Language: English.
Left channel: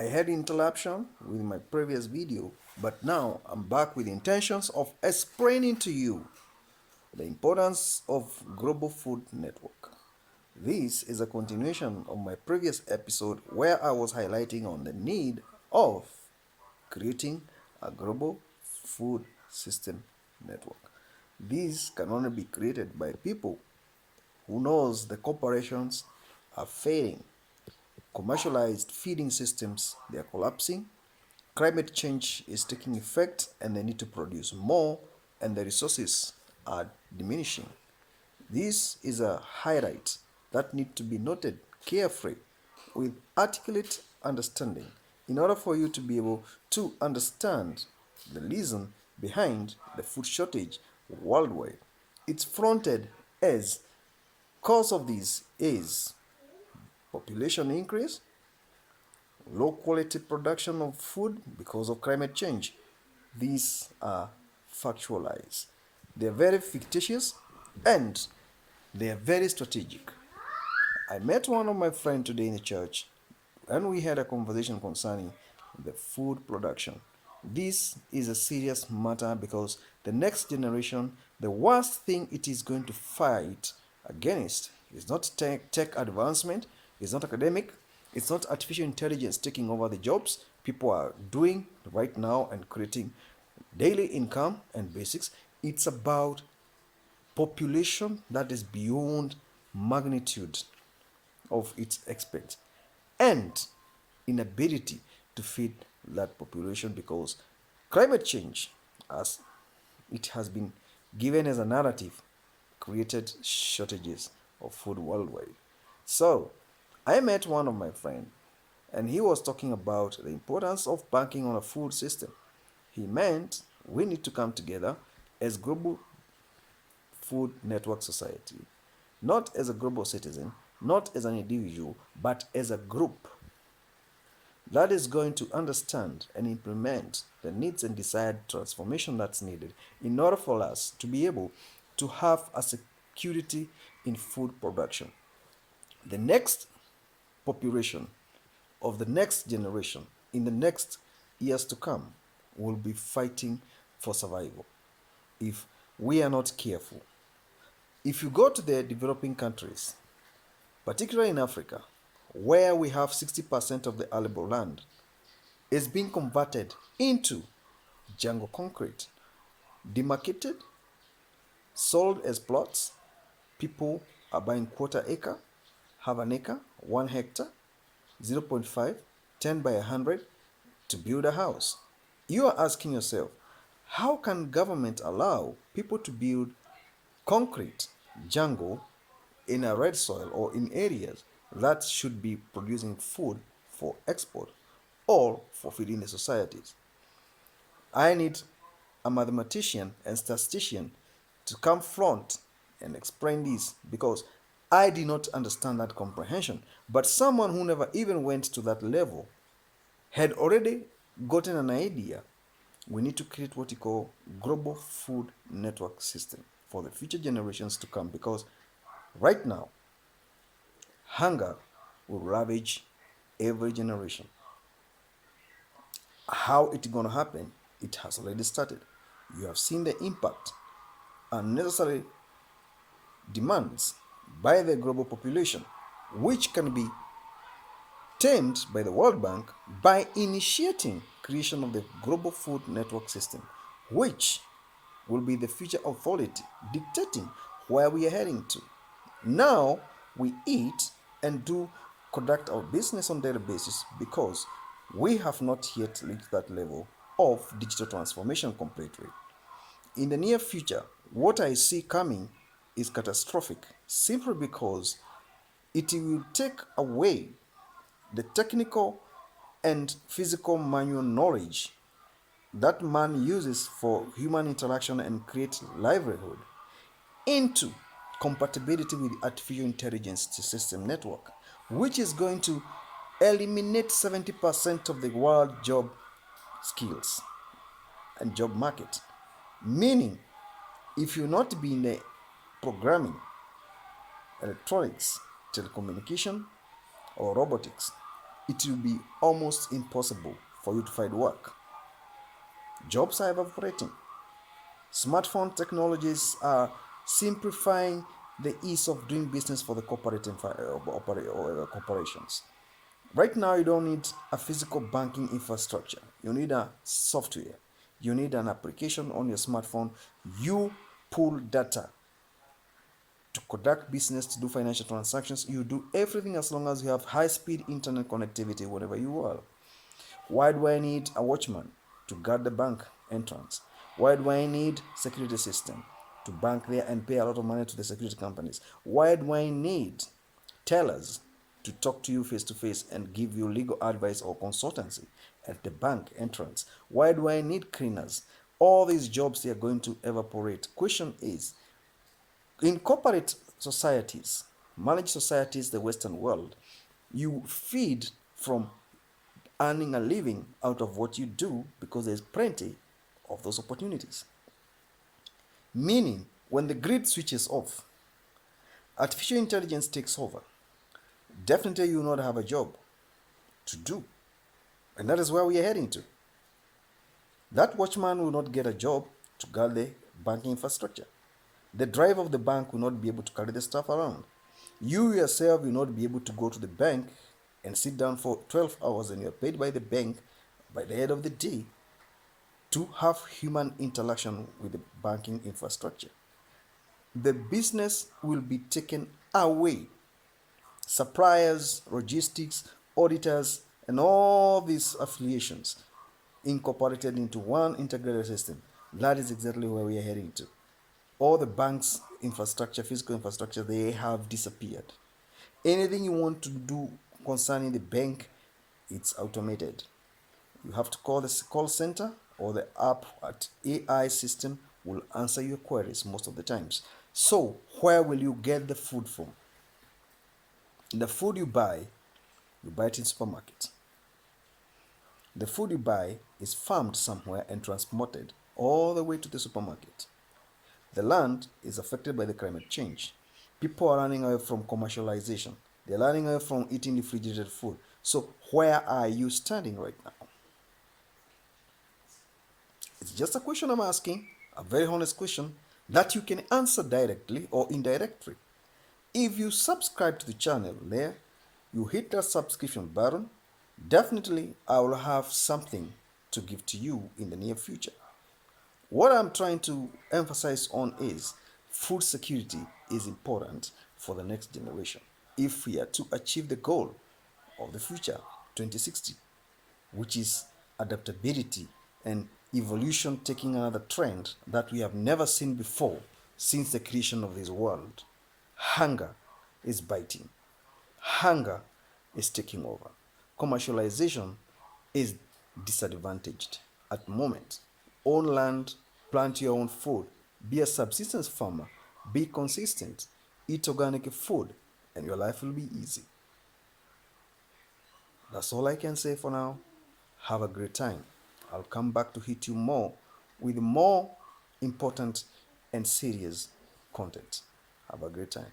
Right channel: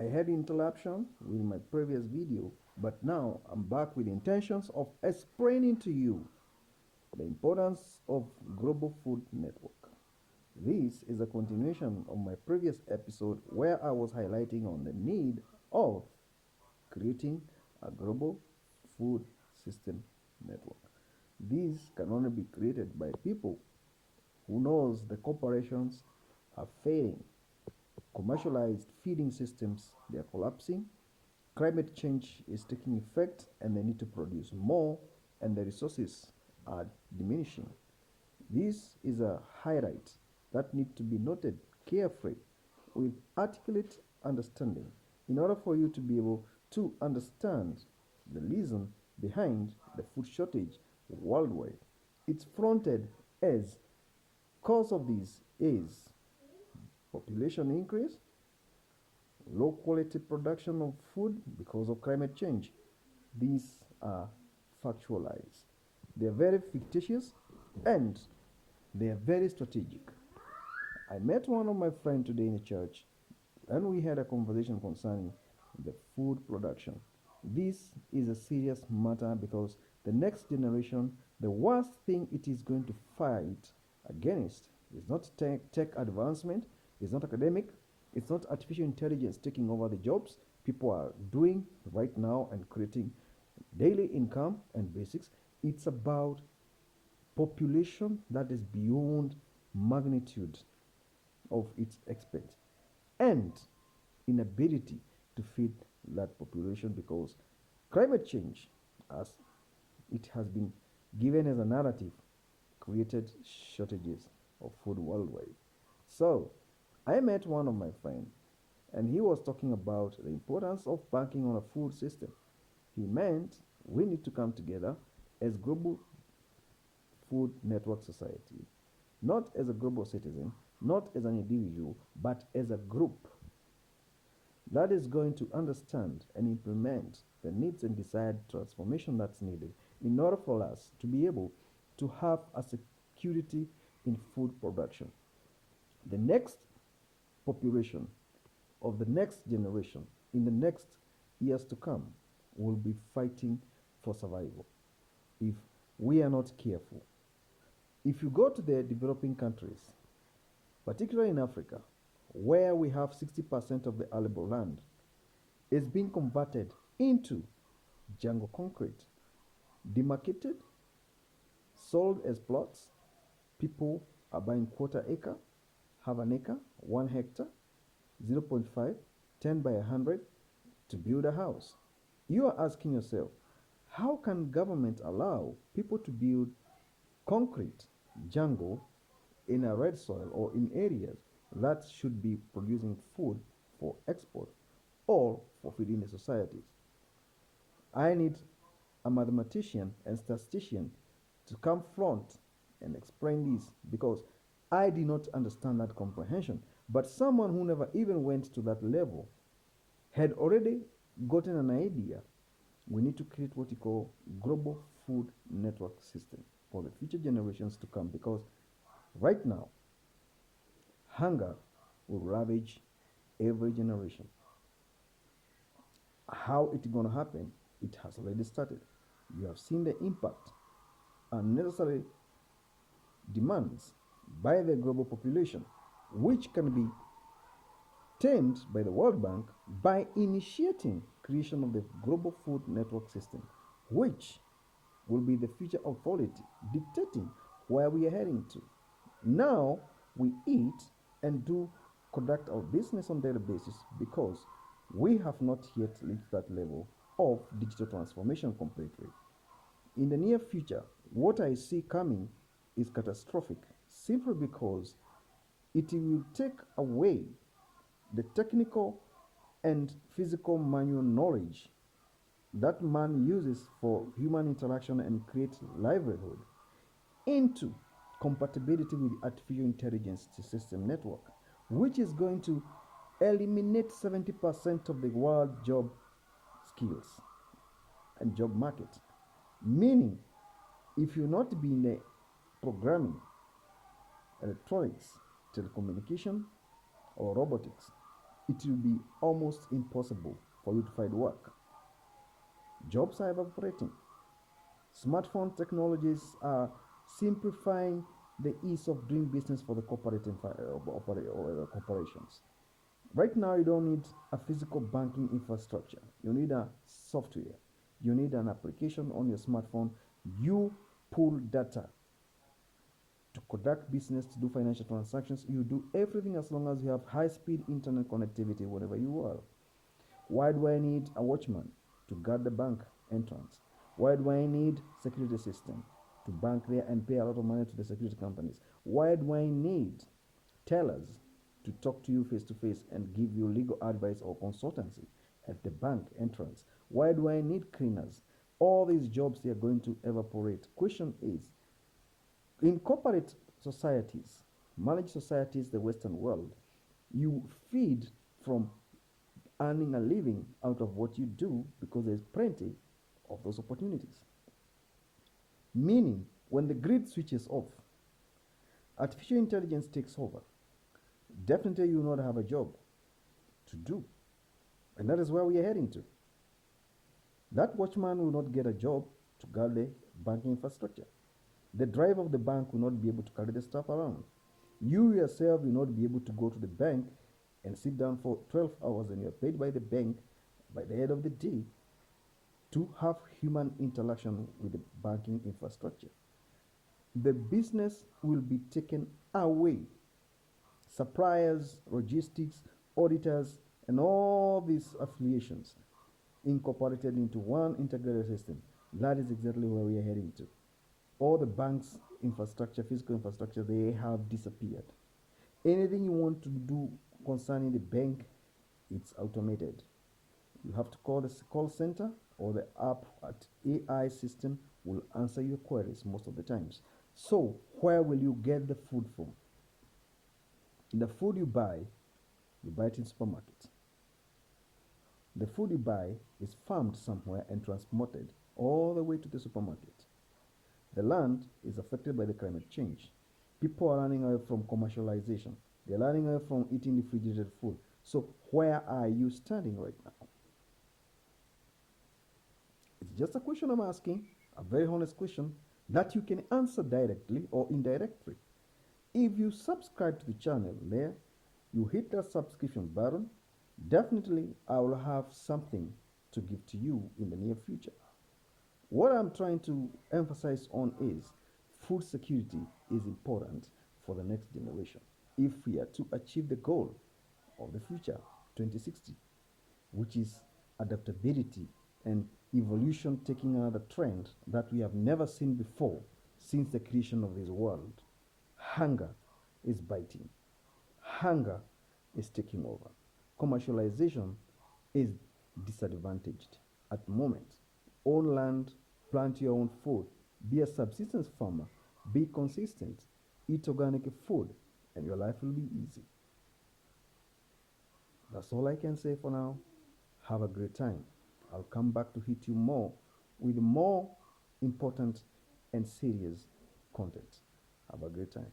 I had interruption with my previous video, but now I'm back with intentions of explaining to you the importance of global food network. This is a continuation of my previous episode where I was highlighting on the need of creating a global food system network. This can only be created by people who knows the corporations are failing. Commercialized feeding systems, they are collapsing. Climate change is taking effect and they need to produce more and the resources are diminishing. This is a highlight that need to be noted carefully with articulate understanding in order for you to be able to understand the reason behind the food shortage worldwide. It's fronted as cause of this is population increase, low quality production of food because of climate change. These are factualized. They are very fictitious and they are very strategic. I met one of my friends today in the church and we had a conversation concerning the food production. This is a serious matter because the next generation, the worst thing it is going to fight against is not tech advancement, it's not academic, it's not artificial intelligence taking over the jobs people are doing right now and creating daily income and basics. It's about population that is beyond magnitude of its expect and inability to feed that population because climate change, as it has been given as a narrative, created shortages of food worldwide. So I met one of my friends and he was talking about the importance of banking on a food system. He meant we need to come together as global food network society, not as a global citizen, not as an individual, but as a group that is going to understand and implement the needs and desired transformation that's needed in order for us to be able to have a security in food production. The next population of the next generation in the next years to come will be fighting for survival if we are not careful. If you go to the developing countries, particularly in Africa, where we have 60% of the arable land, is being converted into jungle concrete, demarcated, sold as plots. People are buying quarter acre, half an acre, 1 hectare, zero point 0.5, 10 by 100 to build a house. You are asking yourself, how can government allow people to build concrete jungle in a red soil or in areas that should be producing food for export or for feeding the societies? I need a mathematician and statistician to come front and explain this because I did not understand that comprehension. But someone who never even went to that level had already gotten an idea. We need to create what we call global food network system for the future generations to come because right now hunger will ravage every generation. How it's going to happen, it has already started. You have seen the impact unnecessary demands by the global population, which can be tamed by the World Bank by initiating creation of the global food network system, which will be the future authority dictating where we are heading to. Now we eat and do conduct our business on daily basis because we have not yet reached that level of digital transformation completely. In the near future, what I see coming is catastrophic simply because it will take away the technical and physical manual knowledge that man uses for human interaction and create livelihood into compatibility with artificial intelligence system network, which is going to eliminate 70% of the world job skills and job market. Meaning, if you not be in the programming, electronics, telecommunication, or robotics, it will be almost impossible for you to find work. Jobs are evaporating. Smartphone technologies are simplifying the ease of doing business for the corporations. Right now, you don't need a physical banking infrastructure. You need a software. You need an application on your smartphone. You pull data to conduct business, to do financial transactions. You do everything as long as you have high-speed internet connectivity wherever you are. Why do I need a watchman to guard the bank entrance? Why do I need security system to bank there and pay a lot of money to the security companies? Why do I need tellers to talk to you face to face and give you legal advice or consultancy at the bank entrance? Why do I need cleaners? All these jobs, they are going to evaporate. Question is, in corporate societies, managed societies, the Western world, you feed from earning a living out of what you do because there's plenty of those opportunities. Meaning, when the grid switches off, artificial intelligence takes over, definitely you will not have a job to do. And that is where we are heading to. That watchman will not get a job to guard the banking infrastructure. The driver of the bank will not be able to carry the stuff around. You yourself will not be able to go to the bank and sit down for 12 hours and you're paid by the bank by the end of the day to have human interaction with the banking infrastructure. The business will be taken away. Suppliers, logistics, auditors, and all these affiliations incorporated into one integrated system. That is exactly where we are heading to. All the bank's infrastructure, physical infrastructure, they have disappeared. Anything you want to do concerning the bank, it's automated. You have to call the call center or the app at AI system will answer your queries most of the times. So where will you get the food from? The food you buy it in supermarket. The food you buy is farmed somewhere and transported all the way to the supermarket. The land is affected by the climate change. People are running away from commercialization. They're running away from eating refrigerated food. So where are you standing right now? It's just a question I'm asking, a very honest question that you can answer directly or indirectly. If you subscribe to the channel there, you hit that subscription button, definitely I will have something to give to you in the near future. What I'm trying to emphasize on is food security is important for the next generation if we are to achieve the goal of the future 2060, which is adaptability and evolution taking another trend that we have never seen before since the creation of this world. Hunger is biting. Hunger is taking over. Commercialization is disadvantaged at the moment. Own land, plant your own food, be a subsistence farmer, be consistent, eat organic food, and your life will be easy. That's all I can say for now. Have a great time. I'll come back to hit you more with more important and serious content. Have a great time.